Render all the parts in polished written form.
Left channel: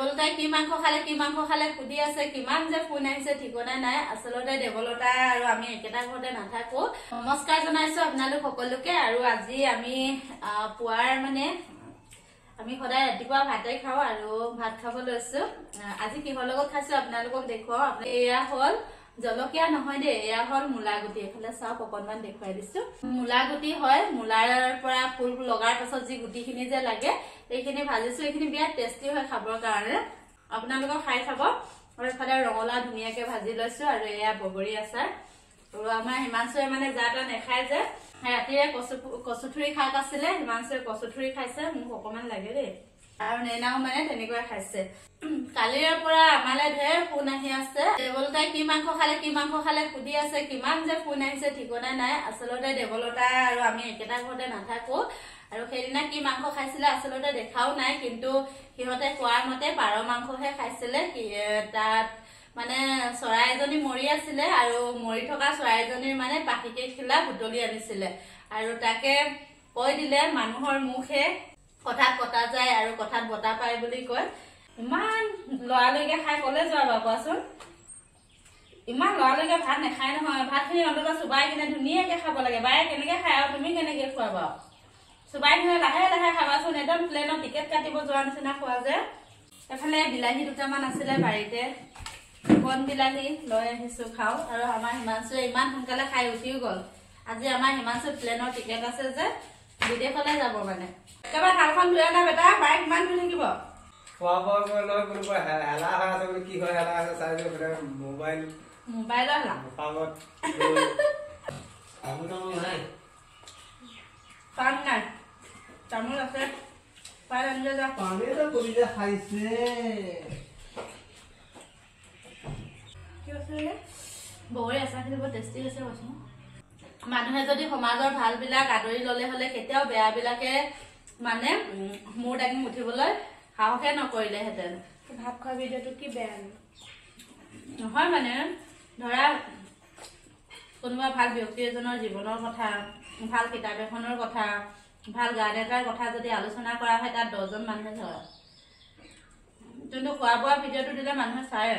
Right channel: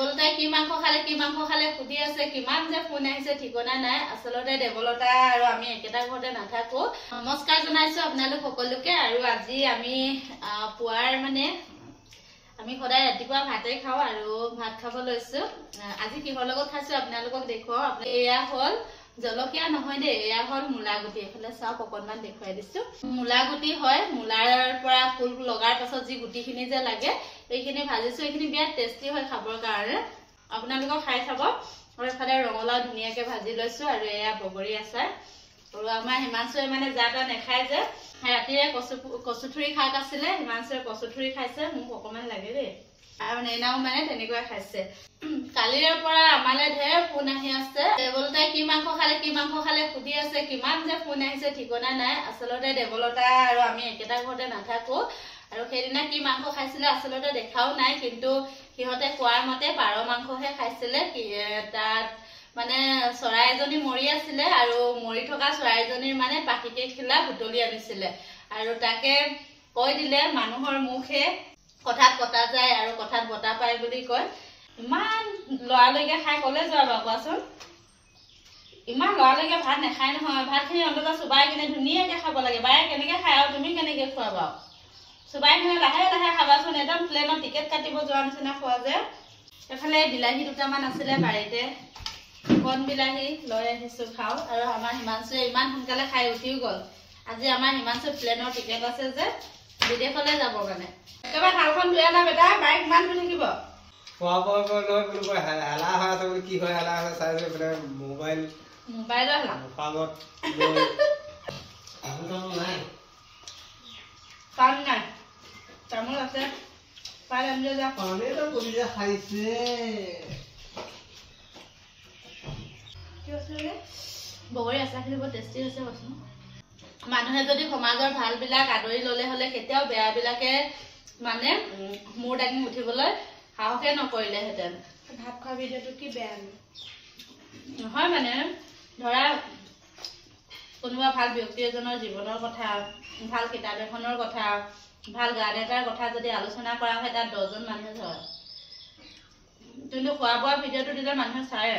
দেৱলতাই কি মাংস খালে সুধি আছে কিমান যে ফোন আহিছে ঠিকনা নাই আসলতে দেৱলতা আৰু আমি একেটা ঘৰতে নাথাকো নমস্কাৰ জনাইছো আপোনালোক সকলোকে আৰু আজি আমি পুৱাৰ মানে আমি সদায় ৰাতিপুৱা ভাতে খাওঁ আৰু ভাত খাব লৈছো আজি কিহৰ লগত খাইছো আপোনালোকক দেখুৱাও এয়া হল জলকীয়া নহয় দে এয়া হল মুলাগুটি এফালে চাওক অকনমান দেখুৱাই দিছো মুলাগুটি হয় মুলাৰ পৰা ফুল লগাৰ পাছত যি গুটিখিনি যে লাগে এইখিনি ভাজিছো এইখিনি বিৰাট টেষ্টি হয় খাবৰ কাৰণে আপোনালোকক খাই চাব আৰু এফালে ৰঙলা ধুনীয়াকৈ ভাজি লৈছো আৰু এয়া বগৰী আচাৰ আৰু আমাৰ হিমাংশুৱে মানে জাটা নেখায় যে ৰাতিৰে কচুথুৰি শাক আছিলে হিমাংশুৱে কচুথুৰি খাইছে মোক অকমান লাগে দেই আৰু নেনাও মানে তেনেকৈ খাইছে কালিৰ পৰা আমালে ঢেৰ ফোন আহি আছে দেৱলতাই কি মাংস খালে সুধি আছে কিমান যে ফোন আহিছে ঠিকনা নাই আসলতে দেৱলতা আৰু আমি একেটা ঘৰতে নাথাকো আৰু সেইদিনা কি মাংস খাইছিলে আসলতে দেখাও নাই কিন্তু সিহঁতে কোৱাৰ মতে পাৰ মাংসহে খাইছিলে তাত মানে চৰাইজনী মৰি আছিলে আৰু মৰি থকা চৰাইজনীৰ মানে পাখিকে খিলা বুটলি আনিছিলে আৰু তাকে কৈ দিলে মানুহৰ মুখে কথাত পতা যায় আৰু কথাত বতা পায় বুলি কয় ইমান লৰালৈকে খাই কলে যোৱা বাৰু কোৱাচোন ইমান লৰালৈকে ভাত নাখায় নহয় ভাতখিনি অন্তত চুবাই কিনে ধুনীয়াকৈ খাব লাগে বায়ে কেনেকৈ খায় আৰু তুমি কেনেকৈ খোৱা বাৰু চুবাই কিনে লাহে লাহে খাবাচোন একদম প্লেনৰ টিকেট কাটিব যোৱাৰ নিচিনা খোৱা যে এফালে বিলাহী দুটামান আছিলে বাৰীতে কণ বিলাহী লৈ আহিছো খাওঁ আৰু আমাৰ হিমাংশুৱে ইমান সোনকালে খাই উঠিও গ'ল আজি আমাৰ হিমাংশু প্লেনৰ টিকেট আছে যে বিদেশলৈ যাব মানে একেবাৰে থালখন ধুই আনা বেটা বাইক ইমান ধুই থাকিব মোবাইলৰ হেলা কাম নাই তামোল আছে পাই আনিলে যা পানীটো কৰি যে খাইছে বগৰী আচাৰখিনি বৰ টেষ্টি হৈছে কৈছোঁ মানুহে যদি সমাজৰ ভালবিলাক আদৰি ল'লে হ'লে কেতিয়াও বেয়াবিলাকে মানে মূৰ দাঙি উঠিবলৈ সাহসে নকৰিলেহেঁতেন ভাত খোৱা ভিডিঅ'টো কি বেয়া নহয় মানে ধৰা কোনোবা ভাল ব্যক্তি এজনৰ জীৱনৰ কথা ভাল কিতাপ এখনৰ কথা ভাল গান এটাৰ কথা যদি আলোচনা কৰা হয় তাত 10জন মানুহে ধৰে কিন্তু খোৱা বোৱা ভিডিঅ'টো দিলে মানুহে চায়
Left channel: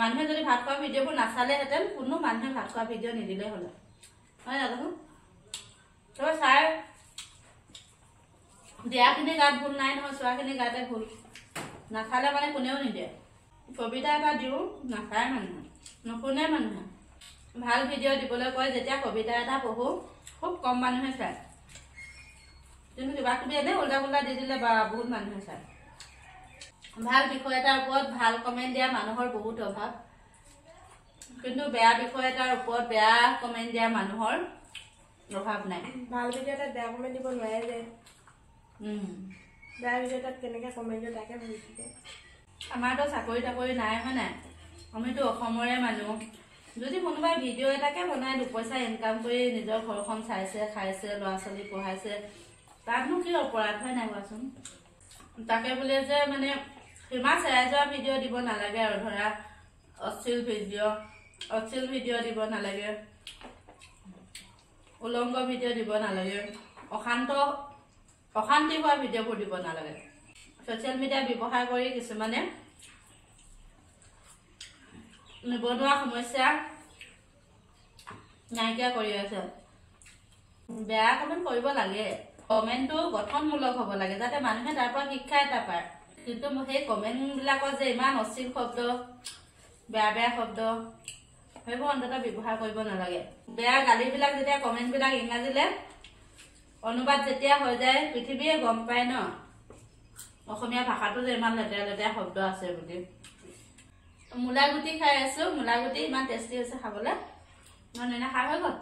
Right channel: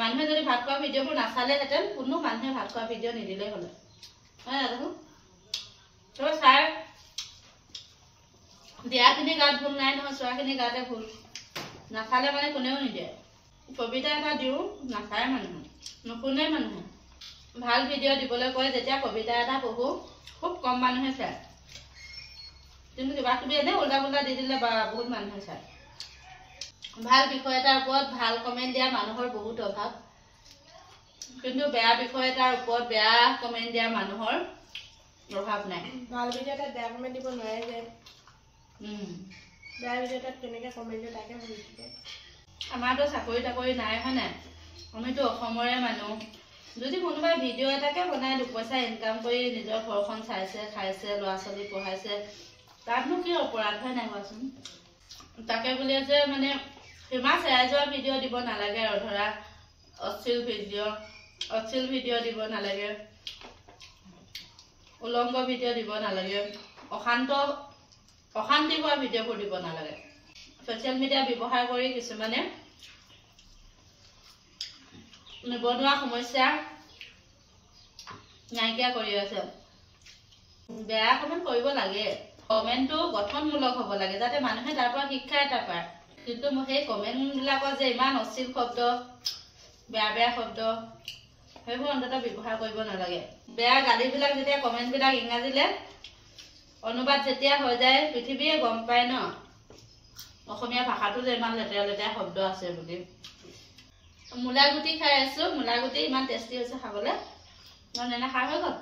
মানুহে যদি ভাত খোৱা ভিডিঅ'বোৰ নাচালেহেঁতেন কোনো মানুহে ভাত খোৱা ভিডিঅ' নিদিলে হ'লে হয় না দেখোন তই চাই দিয়াখিনি গাত ভুল নাই নহয় চোৱাখিনি গাতে ভুল নাচালে মানে কোনেও নিদিয়ে কবিতা এটা দিওঁ নাচায় মানুহে নুশুনে মানুহে ভাল ভিডিঅ' দিবলৈ কয় যেতিয়া কবিতা এটা পঢ়োঁ খুব কম মানুহে চায় কিন্তু কিবা কিবি এনেই উল্টা পুল্টা দি দিলে বা বহুত মানুহে চায় ভাল বিষয় এটাৰ ওপৰত ভাল কমেণ্ট দিয়া মানুহৰ বহুত অভাৱ কিন্তু বেয়া বিষয় এটাৰ ওপৰত বেয়া কমেণ্ট দিয়া মানুহৰ অভাৱ নাই ভাল ভিডিঅ' এটাত বেয়া কমেণ্ট দিব নোৱাৰে যে বেয়া ভিডিঅ' এটাত কেনেকৈ কমেণ্ট দিয়ে তাকে ভাবি থাকে আমাৰতো চাকৰি তাকৰি নাই হয় নাই আমিতো অসমৰে মানুহ যদি কোনোবাই ভিডিঅ' এটাকে বনাই 2 পইচা ইনকাম কৰি নিজৰ ঘৰখন চাইছে খাইছে ল'ৰা ছোৱালী পঢ়াইছে তাতনো কি অপৰাধ হয় নাই কোৱাচোন তাকে বুলিয়ে যে মানে সীমা চেৰাই যোৱা ভিডিঅ' দিব নালাগে আৰু ধৰা অশ্লীল ভিডিঅ' দিব নালাগে উলংগ ভিডিঅ' দিব নালাগে অশান্তি হোৱা ভিডিঅ'বোৰ দিব নালাগে ছ'চিয়েল মিডিয়া ব্যৱহাৰ কৰি কিছুমানে নিবনুৱা সমস্যা নাইকিয়া কৰি আছে বেয়া কমেণ্ট কৰিব লাগে কমেণ্টটো গঠনমূলক হ'ব লাগে যাতে মানুহে তাৰ পৰা শিক্ষা এটা পায় কিন্তু সেই কমেণ্টবিলাকত যে ইমান অশ্লীল শব্দ বেয়া শব্দ সেইবোৰ অন্ততঃ ব্যৱহাৰ কৰিব নালাগে বেয়া গালিবিলাক যেতিয়া কমেণ্টবিলাক ইংৰাজীলৈ অনুবাদ যেতিয়া হৈ যায় পৃথিৱীয়ে গম পায় ন অসমীয়া ভাষাটো যে ইমান লেতেৰা লেতেৰা শব্দ আছে বুলি মুলাগুটি খাই আছো মুলাগুটি ইমান টেষ্টি হৈছে খাবলৈ মই নেনা খাই হৈ গ'ল